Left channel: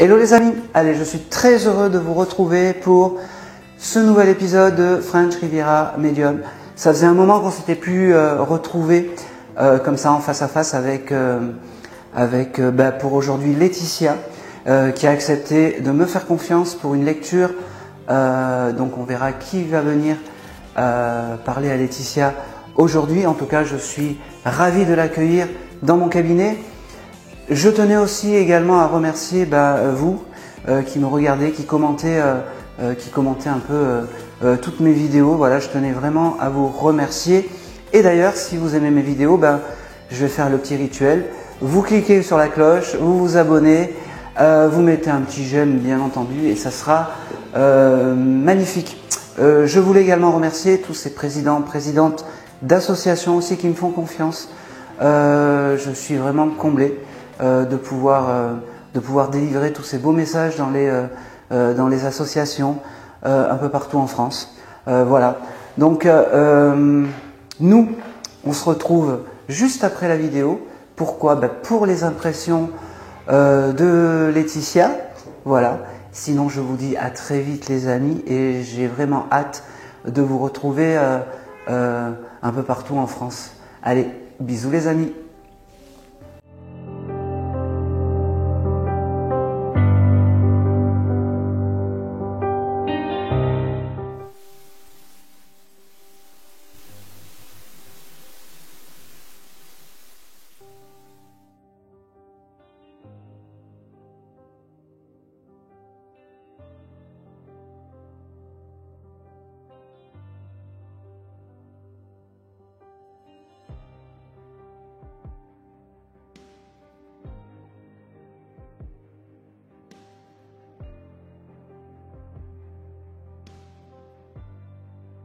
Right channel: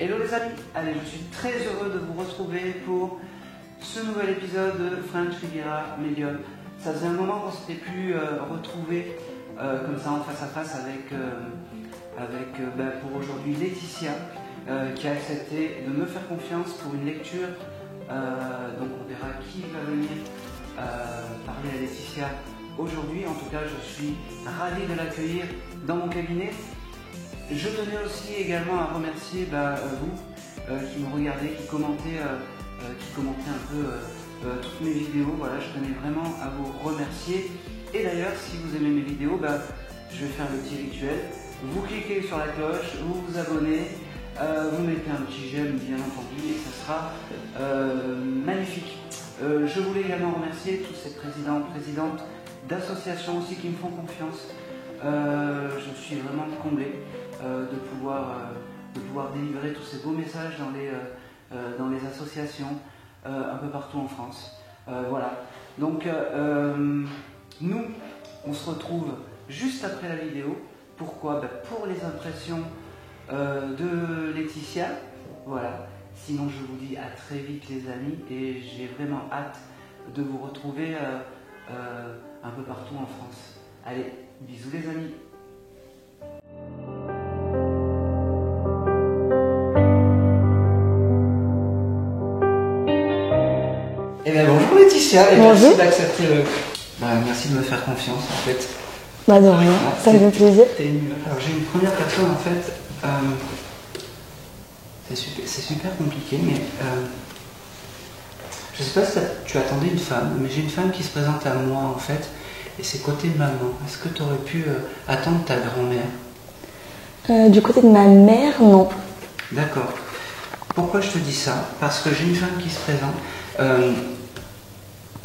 Hello les amis, allez, je suis très heureux de vous retrouver pour ce nouvel épisode de French Riviera Medium. Ça faisait un moment qu'on s'était plus retrouvé comme ça en face à face avec pour aujourd'hui Laetitia qui a accepté de me faire confiance pour une lecture. Donc on verra qui va venir parler à Laetitia aujourd'hui. En tout cas, je suis ravi de l'accueillir dans mon cabinet. Je tenais aussi également à remercier vous qui me regardez, qui commentez un peu toutes mes vidéos. Voilà, je tenais vraiment à vous remercier. Et d'ailleurs, si vous aimez mes vidéos, je vais faire le petit rituel. Vous cliquez sur la cloche, vous vous abonnez, vous mettez un petit j'aime bien entendu et ça sera magnifique. Je voulais également remercier tous ces présidents, présidentes d'associations aussi qui me font confiance. Je suis vraiment comblé de pouvoir délivrer tous ces beaux messages dans les associations un peu partout en France. Voilà. Donc nous, on se retrouve juste après la vidéo. Pourquoi? Pour les impressions de Laetitia. Voilà. Sinon, je vous dis à très vite les amis et j'ai vraiment hâte de vous retrouver un peu partout en France. Allez, bisous les amis. Eh bien bonjour Laetitia, et merci d'accepter merci de me faire confiance en fait. De rien, ça me fait plaisir. Alors j'ai une première personne en fait, c'est super compliqué, mais je sais pas si tu attendais une femme, mais j'ai une femme qui se présente à moi en fait, et c'est côté maman. Est-ce que tu aurais pu attendre ta grand-mère? Du côté de ma mère, non. D'accord. Pourquoi je te dis ça? Parce que j'ai une femme qui se présente.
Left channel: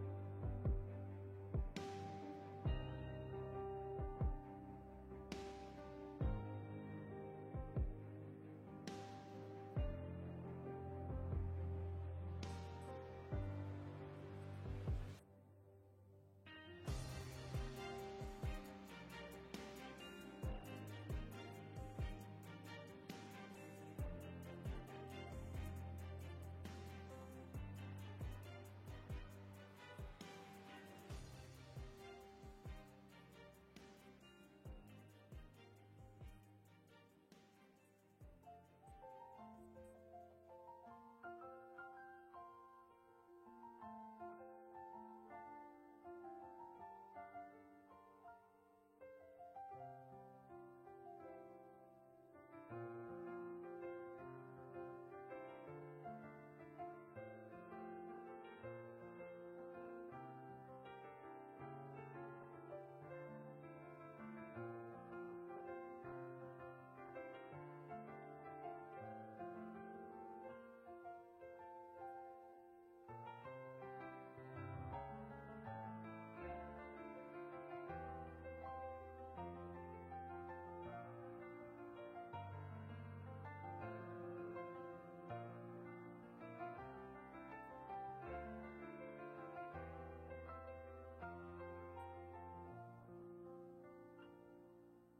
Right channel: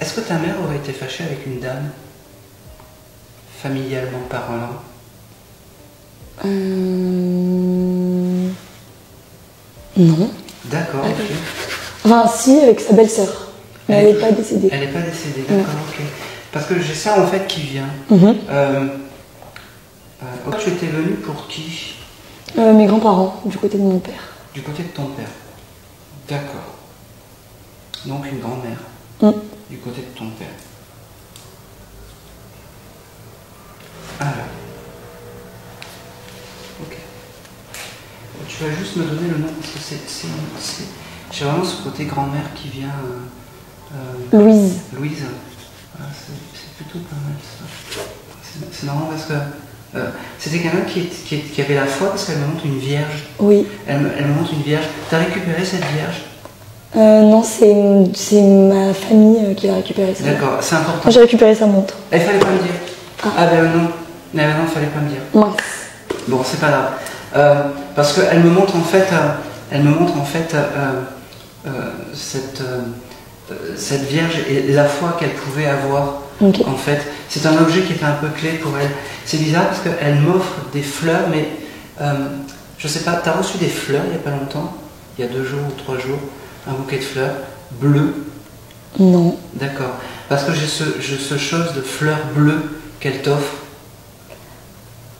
Est-ce que ta mère aurait été fâchée avec une dame, familialement parlant? Non. D'accord, ok. Enfin, si, avec sa belle-sœur. Mais elle n'est pas décédée. Elle n'est pas décédée, d'accord, ok. Parce que j'ai ça en fait qui vient. Tu étais venue pour qui? Mes grands-parents, du côté de mon père. Du côté de ton père. D'accord. Donc une grand-mère. Du côté de ton père. Alors. Ok. Tu vas juste me donner le nom parce que j'ai vraiment ce côté grand-mère qui vient. Louise. Louise. Ah, c'est plutôt pas mal ça. C'est marrant parce que c'était quelqu'un qui avait la foi parce qu'elle me montre une vierge. Oui. Elle me montre une vierge. T'as récupéré cette vierge? Non, c'est ma famille qui a récupéré ça. D'accord, c'est important. Moi, j'ai récupéré sa montre. Il fallait pas me dire. Ah ben non. Non, il fallait pas me dire. Mince. Bon, c'est pas grave. Parce qu'elle me montre en fait, cette vierge et la foi qu'elle pouvait avoir. Okay. En fait, c'est un objet qui était un peu clé pour elle. C'est bizarre parce qu'elle m'offre des fleurs, mais je sais pas, tu as reçu des fleurs il n'y a pas longtemps, il y a 2 jours ou 3 jours, un bouquet de fleurs bleues? Non. D'accord. Parce que j'ai ce chose de fleurs bleues qu'elle t'offre.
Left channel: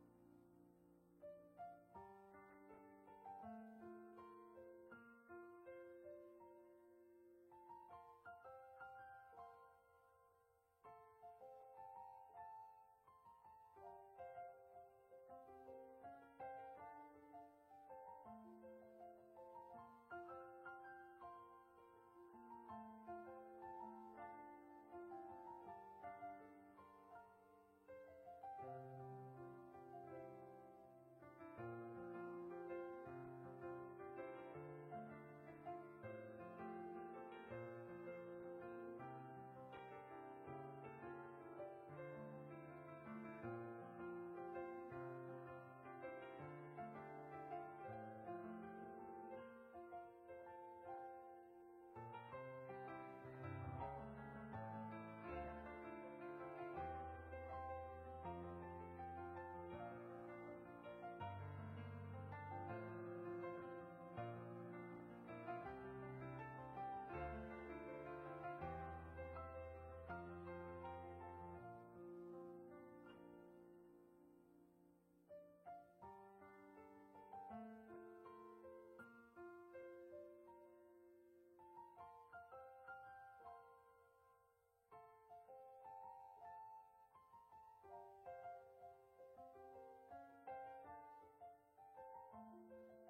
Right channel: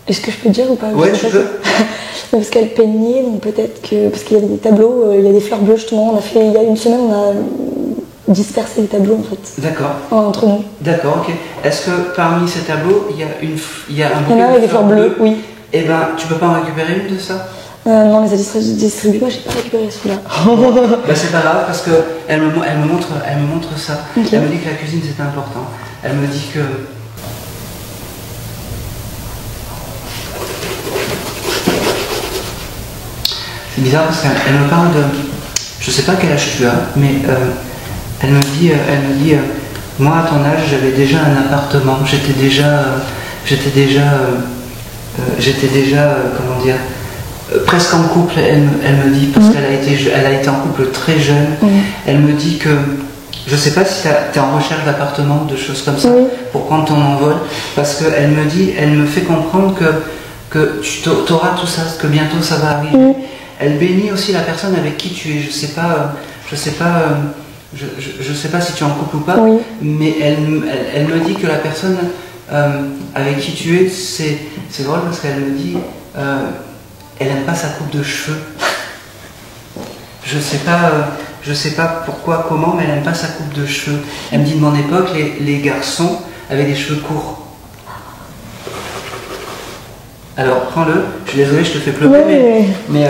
Est-ce que je peux dire ou pas? Ouais, tu peux. Parce qu'elle peignait, donc peut-être que... Parce qu'il y a des tableaux, il y a des fleurs bleues justement. Il y a une semaine, on a dispersé les tableaux en fait. D'accord. Entre nous. D'accord, ok. Est-ce que parmi ces tableaux, il y a un bouquet de fleurs bleues? Oui. Eh ben, tu peux pas en récupérer une de ça? Non, les a distribués, moi j'ai pas récupéré celui-là. C'est pas grave parce qu'elle me montre ça. Okay. Elle me dit que la cuisine c'était important. Elle me dit que... C'est bizarre parce qu'elle me parle de... Je sais pas quel âge tu as, mais elle me dit moi à ton âge j'avais déjà un appartement, j'étais déjà comment dire, presque en couple. Elle me dit parce qu'elle a été en couple très jeune. Elle me dit que je sais pas si tu es en recherche d'appartement, de choses comme ça, pour prendre ton envol, parce qu'elle me dit, elle me fait comprendre que tu auras tout ça, que bientôt ça va arriver. Elle bénit aussi la personne avec qui tu es. Je sais pas si tu es en couple ou pas, mais elle me dit que la personne avec qui tu es, c'est drôle parce qu'elle me dit, elle n'aime pas sa coupe de cheveux. je sais pas pourquoi, comment, mais elle n'aime pas sa coupe de cheveux. Elle me dit de mon époque, les garçons avaient des cheveux courts. Alors prends-le, je suis désolé, je te fais pleurer, Ouais. mais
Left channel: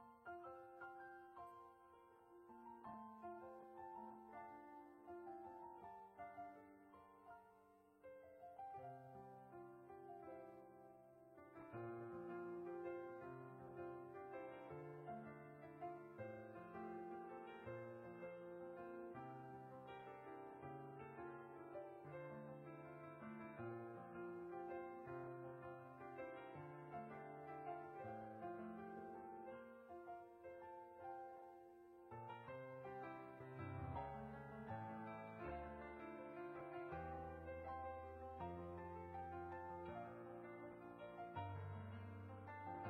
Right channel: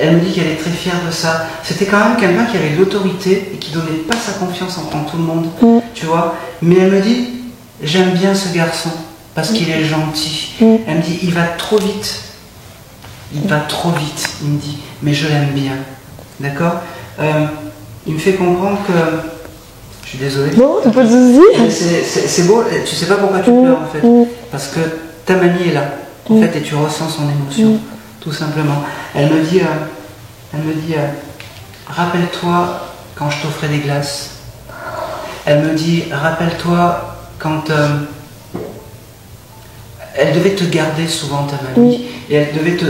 elle me dit qu'elle est très fière de ça. C'était quand même quelqu'un qui avait de l'autorité et qui donnait pas sa confiance en tout le monde, tu vois. Mais elle me dit, j'aime bien ce garçon parce qu'il est gentil. Elle me dit, il va trop vite. Il va trop vite, il me dit, mais je l'aime bien. D'accord. Il me fait comprendre que... Je suis désolé. Bon, t'as pas de soucis. C'est beau, tu sais pas pourquoi tu pleures en fait. Parce que ta mamie est là, en fait, et tu ressens son émotion, tout simplement. Elle me dit, rappelle-toi quand je t'offrais des glaces. Elle me dit, rappelle-toi quand... elle devait te garder souvent, ta mamie, et elle devait te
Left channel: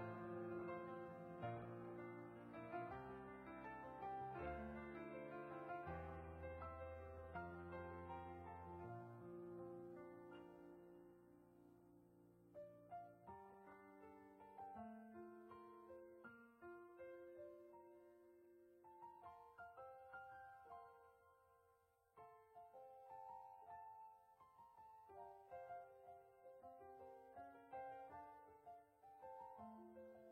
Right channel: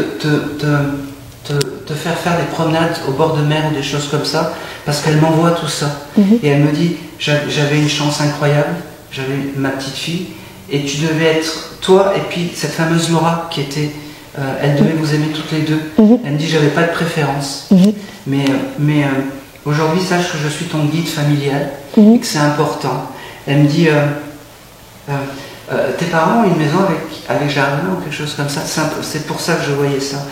faire des promenades au bord de mer ou des choses comme ça, parce qu'elle m'envoie tout ça. Et elle me dit, j'avais une chance incroyable, j'avais ma petite fille, et tu devais être toi, et puis cette fameuse Laura qui était... elle devait vous aimer toutes les deux. Elle me dit, j'avais pas de préférence. Mais aujourd'hui, sache que je suis ton guide familial, et que c'est important. Elle me dit... tes parents ont une maison avec jardin ou quelque chose comme ça, c'est pour ça que je voyais ça.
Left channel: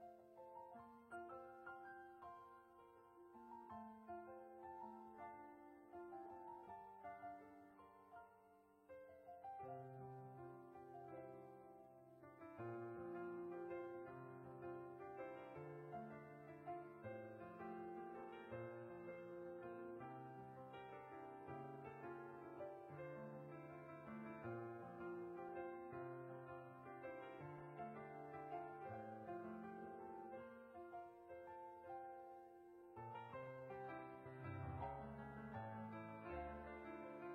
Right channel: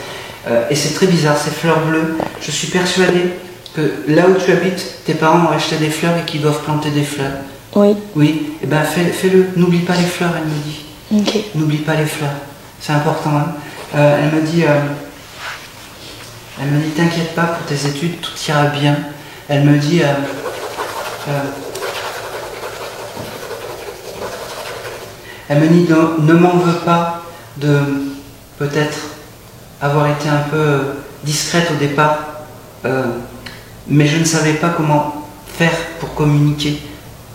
Et c'est très bizarre, ces fleurs bleues. Je suis persuadée que là où tu habites, tes parents ont acheté des fleurs et qu'ils doivent planter des fleurs. Oui. Oui, et ben fais-le. N'oublie pas les fleurs, elle me dit. Ok. N'oublie pas les fleurs, c'est important. Hein. Elle me dit, t'inquiète pas pour tes études, tout ira bien. Elle me dit, elle me dit, ne m'en veux pas de peut-être avoir été un peu discrète au départ, mais je ne savais pas comment faire pour communiquer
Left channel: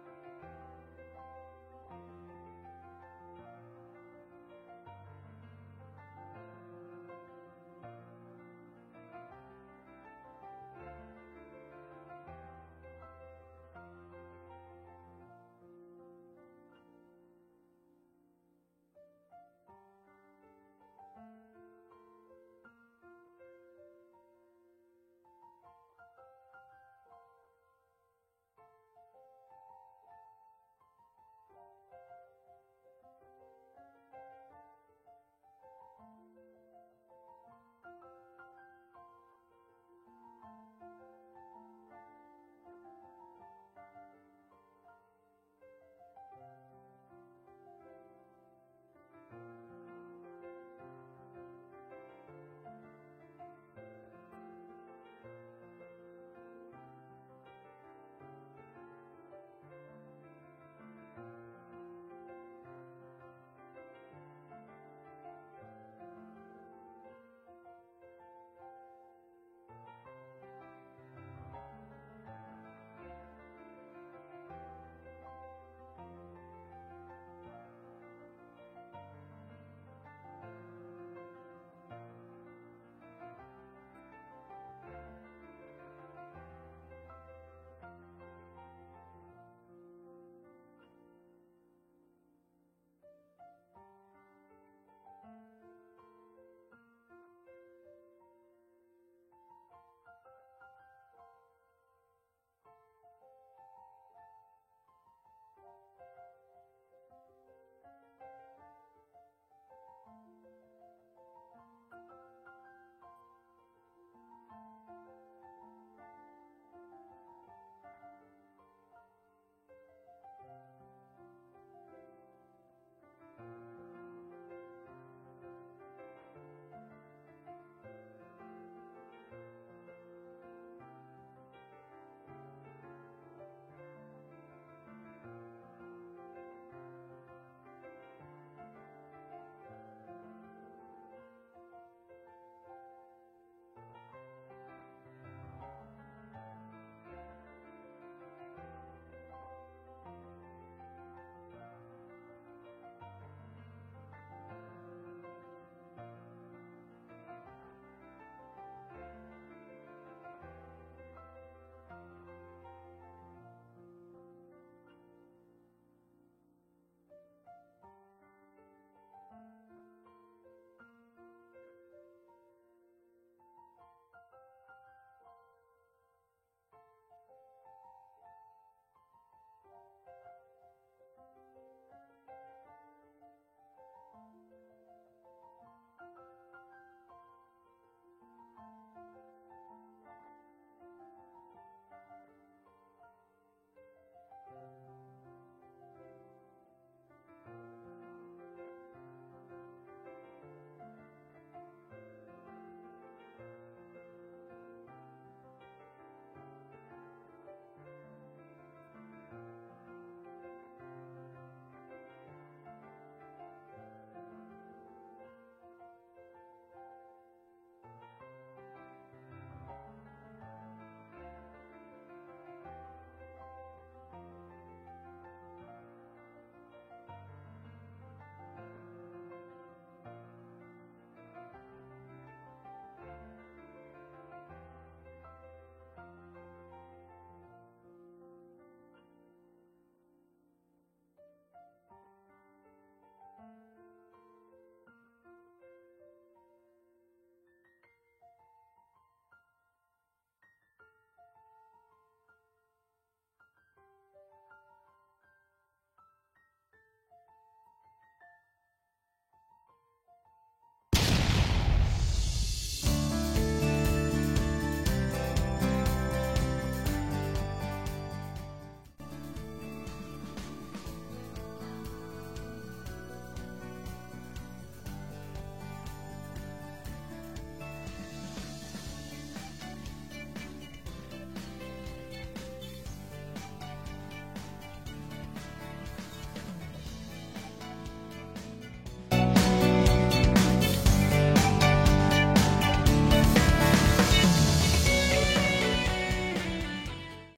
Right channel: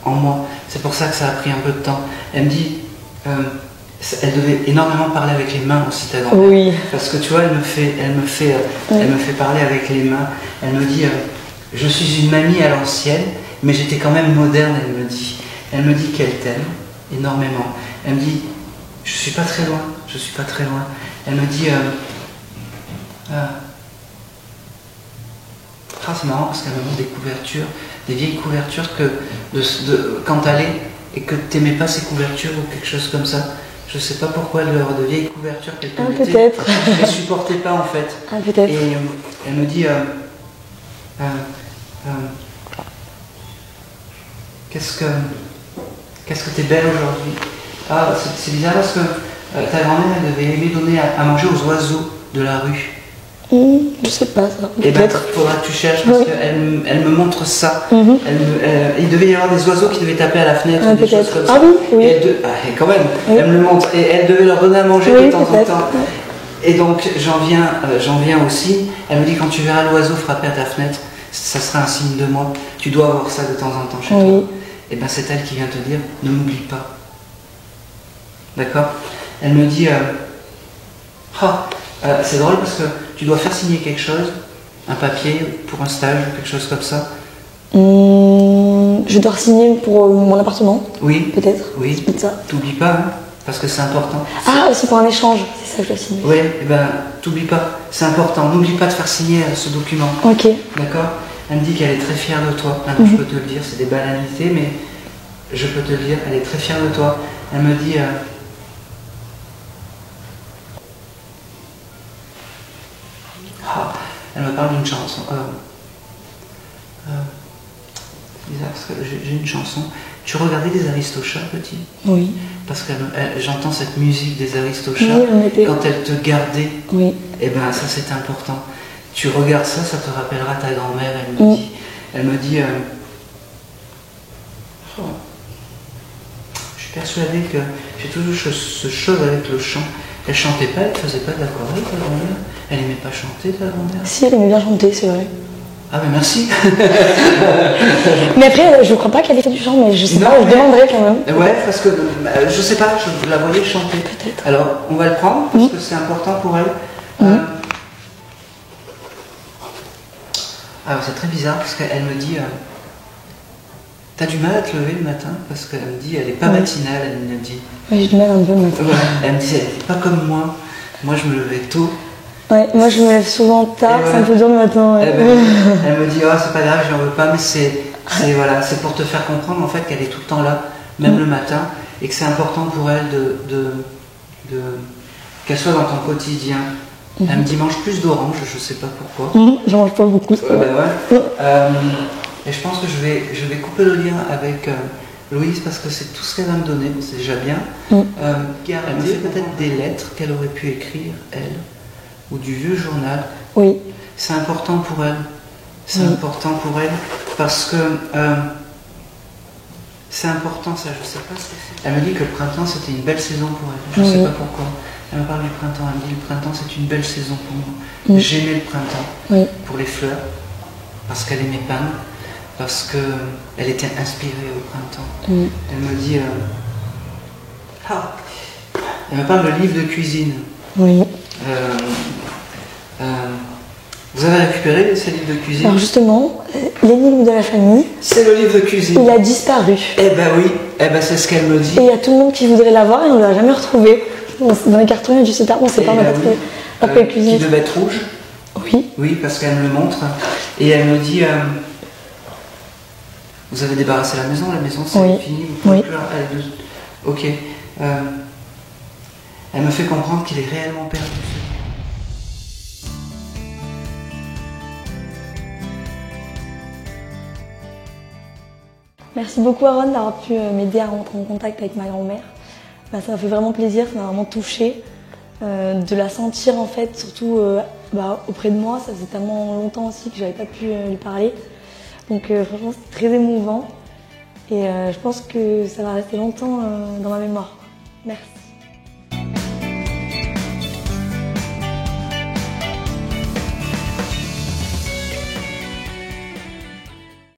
en moi. C'est pour ça que ça a pris un peu de temps. Elle me dit, elle devait énormément parler avec les mains aussi, ta grand-mère. Oui. Parce que tu vois, elle me fait parler avec les mains. Elle me dit, je suis une mamie à l'ancienne, mais j'étais quand même moderne, elle me dit. Elle me dit qu'elle t'aime énormément. Elle me dit, je suis pas très loin, je suis pas très loin. Elle me dit, c'est marrant parce qu'elle me montre des couvertures, des vieilles couvertures quand t'allais et que t'aimais pas ces couvertures ou quelque chose comme ça. Je sais pas pourquoi de vieilles couvertures qu'elle te mettait. Peut-être. Je les supportais pas en fait. Peut-être. Et elle me dit, qu'est-ce que t'es belle aujourd'hui. Ah, c'est bizarre parce que ta grand-mère elle devait aimer donner à manger aux oiseaux de la rue. Je sais pas ça. Et ben, Peut-être. faudra que tu cherches parce qu'elle me montre ça. Il devait y avoir des oiseaux qui devaient taper à la fenêtre ou des choses comme ça. Ah oui. Et quand même, elle me le montre. Et elle devait leur donner à manger de temps en temps. Et donc j'en viens aussi. Elle me dit, quand tu verras l'oiseau frapper à ta fenêtre, ça sera un signe de moi. Tu dois avoir ça de temps en temps chez toi. Et ben c'est elle qui vient te dire, ne m'oublie pas. D'accord. Elle me dit, c'est drôle parce que tu dois faire signer quelque chose, un papier pour un stage ou quelque chose comme ça. Je dois signer pour mon appartement. Oui. Peut-être. Oui. C'est ça. T'oublies pas, hein, parce que c'est important. Ah, aussi pour un échange, c'est ça que je dois signer. Oui, et ben t'oublies pas, c'est important. N'oublie pas de faire signer ce document. Ok. D'accord. Elle me dit qu'elle est très fière de toi. Maintenant, je peux te le dire, c'est des banalités, mais je peux te le dire, elle est très fière de toi. Elle me dit... elle me parle d'une chanson. C'est bizarre parce que j'ai une chanson. Tu regardais des Aristochats, petit? Oui. Parce que j'entends cette musique des Aristochats quand elle te gardait. Oui. Et ben ça c'est important. Tu regardes ça, ça te rappellera ta grand-mère. Elle me dit. Je suis persuadée que j'ai toujours ce chose avec le chant. Elle chantait pas, elle faisait pas de l'aquarelle, ta grand-mère. Elle aimait pas chanter, ta grand-mère. Si, elle aimait bien chanter, c'est vrai. Ah ben merci. Mais après, je crois pas qu'elle ait fait du chant, mais je sais pas, je demanderai quand même. Ouais, parce que je sais pas, je la voyais chanter. Peut-être. Alors, on va le prendre parce que c'est important pour elle. Alors, c'est très bizarre parce qu'elle me dit t'as du mal à te lever le matin? Parce qu'elle me dit, elle est pas matinale, elle me dit. Ouais, j'ai du mal un peu le matin. Elle me dit, elle n'est pas comme moi. Moi, je me levais tôt. Ouais, moi je me lève souvent tard, Et c'est un peu dur le matin. Ouais. Eh ben, elle me dit oh, c'est pas grave, j'en veux pas, mais voilà, c'est pour te faire comprendre en fait qu'elle est tout le temps là, même le matin, et que c'est important pour elle qu'elle soit dans ton quotidien. Elle me dit mange plus d'orange, je sais pas pourquoi. J'en mange pas beaucoup. Ben ouais. Et je pense que je vais couper le lien avec Louise parce que c'est tout ce qu'elle va me donner, c'est déjà bien. Elle me fait peut-être des lettres qu'elle aurait pu écrire, elle, ou du vieux journal. Oui. C'est important pour elle. C'est important pour elle parce que c'est important ça, je sais pas. Elle me dit que le printemps c'était une belle saison pour elle. Je sais pas pourquoi. Elle me parle du printemps, elle me dit le printemps c'est une belle saison pour moi. J'aimais le printemps pour les fleurs, parce qu'elle aimait peindre, parce qu'elle était inspirée au printemps. Elle me dit... elle me parle de livre de cuisine. Oui. Vous avez récupéré ces livres de cuisine? Alors justement, l'énigme de la famille. C'est le livre de cuisine. Il a disparu. Eh ben oui, c'est ce qu'elle me dit. Et il y a tout le monde qui voudrait l'avoir et on ne l'a jamais retrouvé. Dans les cartons, je sais pas, on ne sait pas, on n'a pas trouvé. Après cuisine. Qui devait être rouge? Oui. Oui, parce qu'elle me le montre. Et elle me dit vous avez débarrassé la maison c'est fini, vous pouvez plus. Ok. Elle me fait comprendre qu'il est réellement perdu. Merci beaucoup Aaron d'avoir pu m'aider à rentrer en contact avec ma grand-mère. Ça m'a fait vraiment plaisir, ça m'a vraiment touchée de la sentir en fait, surtout auprès de moi. Ça faisait tellement longtemps aussi que j'avais pas pu lui parler. Donc franchement c'est très émouvant et je pense que ça va rester longtemps dans ma mémoire. Merci.